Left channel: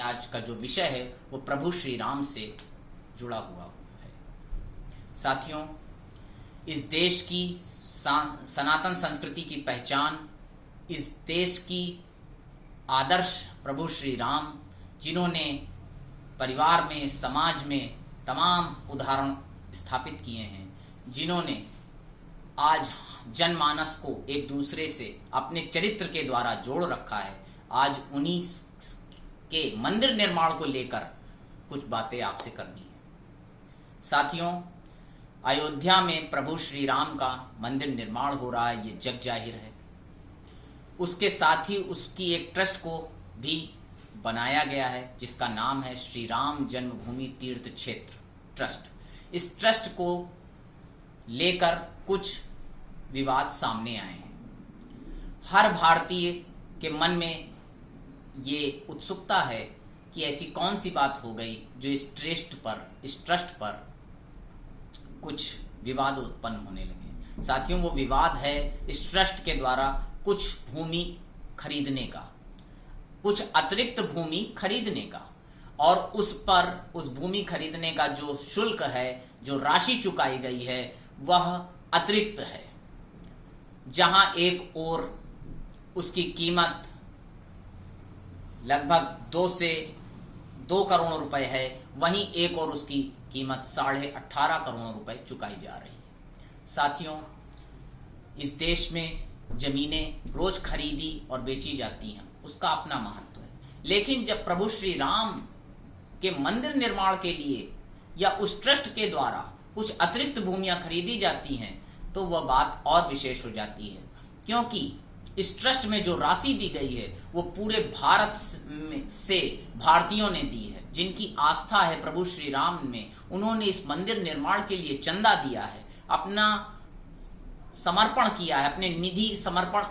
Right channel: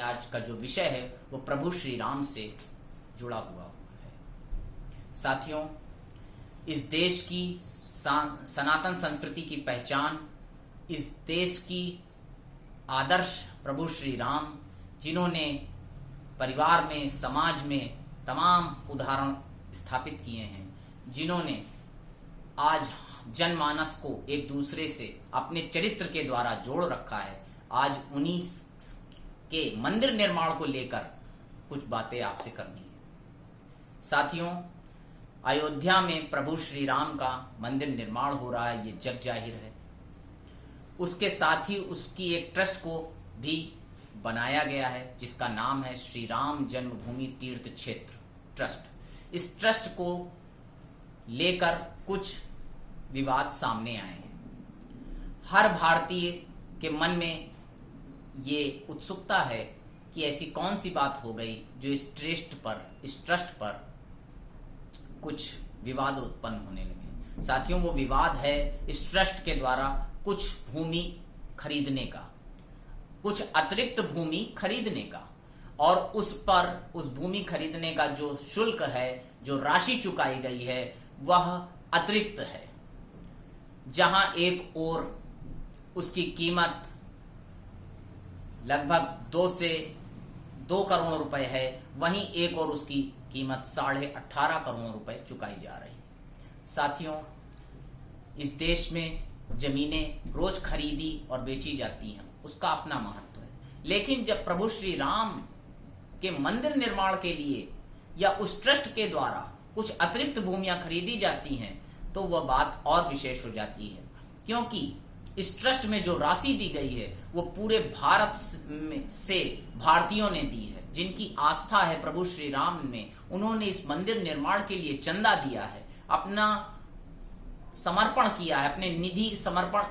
आज का जो विषय है वो प्रभु श्री राम से जुड़ा हुआ है। साथियों, इस देश की सनातन संस्कृति की पहचान, इस देश की आदर्श प्रभु श्री राम, जिन्होंने परिवार में, समाज में तमाम उदाहरण स्थापित किए हैं, जिन्होंने आज जनमानस को एक दूसरे से अपने चरित्र के द्वारा जोड़ रखा है, आज उन्हीं के मंदिर निर्माण को लेकर कुछ बातें आपसे करनी है। साथियों, अयोध्या में प्रभु श्री राम का मंदिर निर्माण हो रहा है, ये जग जाहिर है। उसके साथ ही उसकी एक ट्रस्ट को भी बनाया गया है जिसका नाम है श्री राम जन्मभूमि तीर्थ क्षेत्र ट्रस्ट। इस ट्रस्ट को लेकर कुछ विवाद सामने आए हैं। हर भारतीय के मन में ये उत्सुकता है कि ऐसी कौन सी बात हो गई जो इस ट्रस्ट पर कुछ विवाद उत्पन्न होने लगे। साथियों, वो विवाद है इस ट्रस्ट के द्वारा कुछ भूमि खरीदने का, कुछ अतिरिक्त भूमि खरीदने का, और उस भूमि खरीदने का जो शुल्क है, जो राशि चुकाई गई है, वह अतिरिक्त है। जहां एक ओर उसकी कीमत लगभग 2 करोड़ रुपए है, वहीं एक और उसकी कीमत 18.5 करोड़ रुपए चुकाई जा रही है। साथियों, इस देश में जमीनें रोज खरीदी और बेची जाती हैं, उसका अपना महत्व है। लेकिन जब प्रभु श्री राम के मंदिर निर्माण के लिए या उस ट्रस्ट के द्वारा कुछ अतिरिक्त भूमियां खरीदी जाती हैं तो वह बात और विशेष हो जाती है, क्योंकि इस ट्रस्ट में जो राशि दी गई है वो पूरे भारत से भारतीयों ने दी है, जिनकी आस्था है प्रभु श्री राम में। उन्होंने इस मंदिर निर्माण के लिए चंदा दिया है, अपना समर्पण किया है, अपने निधि समर्पण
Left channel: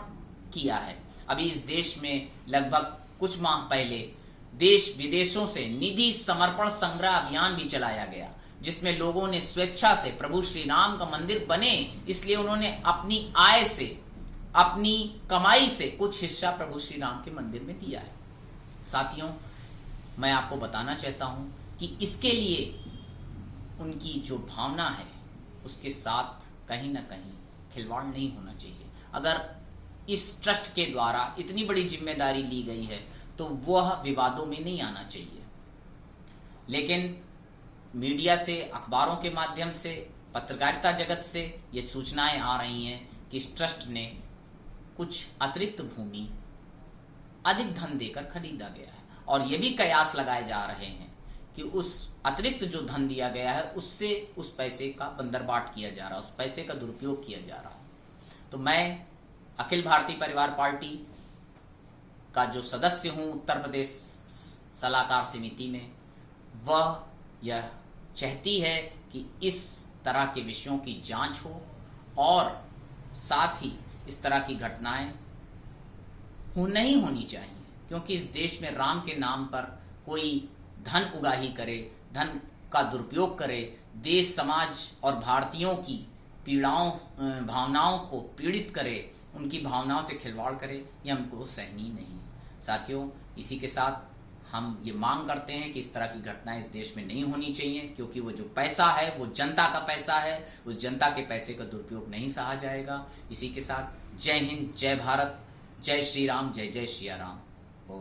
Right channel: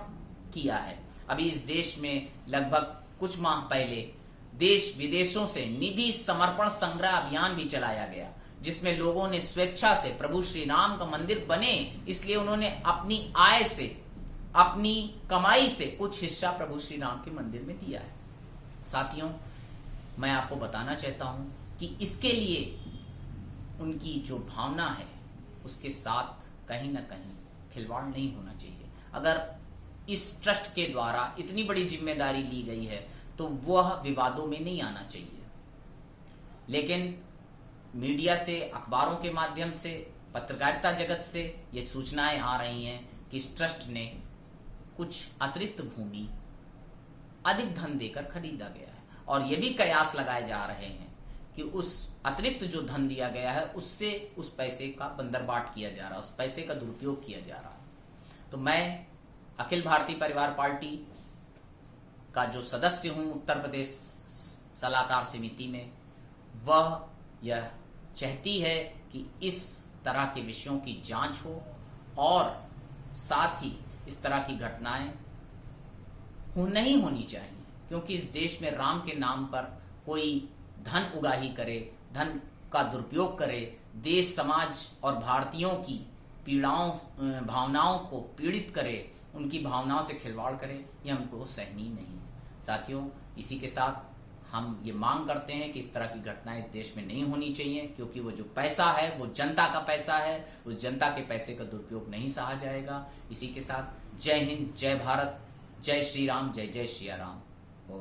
किया है। अभी इस देश में लगभग कुछ माह पहले देश विदेशों से निधि समर्पण संग्रह अभियान भी चलाया गया, जिसमें लोगों ने स्वेच्छा से प्रभु श्री राम का मंदिर बने, इसलिए उन्होंने अपनी आय से, अपनी कमाई से कुछ हिस्सा प्रभु श्री राम के मंदिर में दिया है। साथियों, मैं आपको बताना चाहता हूं कि इसके लिए उनकी जो भावना है उसके साथ कहीं ना कहीं खिलवाड़ नहीं होना चाहिए। अगर इस ट्रस्ट के द्वारा इतनी बड़ी जिम्मेदारी ली गई है तो वह विवादों में नहीं आना चाहिए। लेकिन मीडिया से, अखबारों के माध्यम से, पत्रकारिता जगत से ये सूचनाएं आ रही हैं कि इस ट्रस्ट ने कुछ अतिरिक्त भूमि अधिक धन देकर खरीदा गया है, और ये भी कयास लगाए जा रहे हैं कि उस अतिरिक्त जो धन दिया गया है उससे उस पैसे का बंदरबाट किया जा रहा है, उस पैसे का दुरुपयोग किया जा रहा है। तो मैं अखिल भारतीय परिवार पार्टी का जो सदस्य हूं उत्तर प्रदेश सलाहकार समिति में, वह यह चाहती है कि इस तरह के विषयों की जांच हो और साथ ही इस तरह की घटनाएं नहीं होनी चाहिए, क्योंकि इस देश में राम के नाम पर कोई धन उगाही करे, धन का दुरुपयोग करे, देश, समाज और भारतीयों की भावनाओं को पीड़ित करे, उनकी भावनाओं से खिलवाड़ करे, ये हमको सहनीय नहीं है। साथियों, इसी के साथ हम ये मांग करते हैं कि इस तरह की घटनाएं इस देश में नहीं होनी चाहिए, क्योंकि वो जो पैसा है वो जनता का पैसा है, उस जनता के पैसे का दुरुपयोग नहीं सहा जाएगा। इसी के साथ जय हिंद, जय भारत, जय श्री राम, जय जय श्री राम। ओ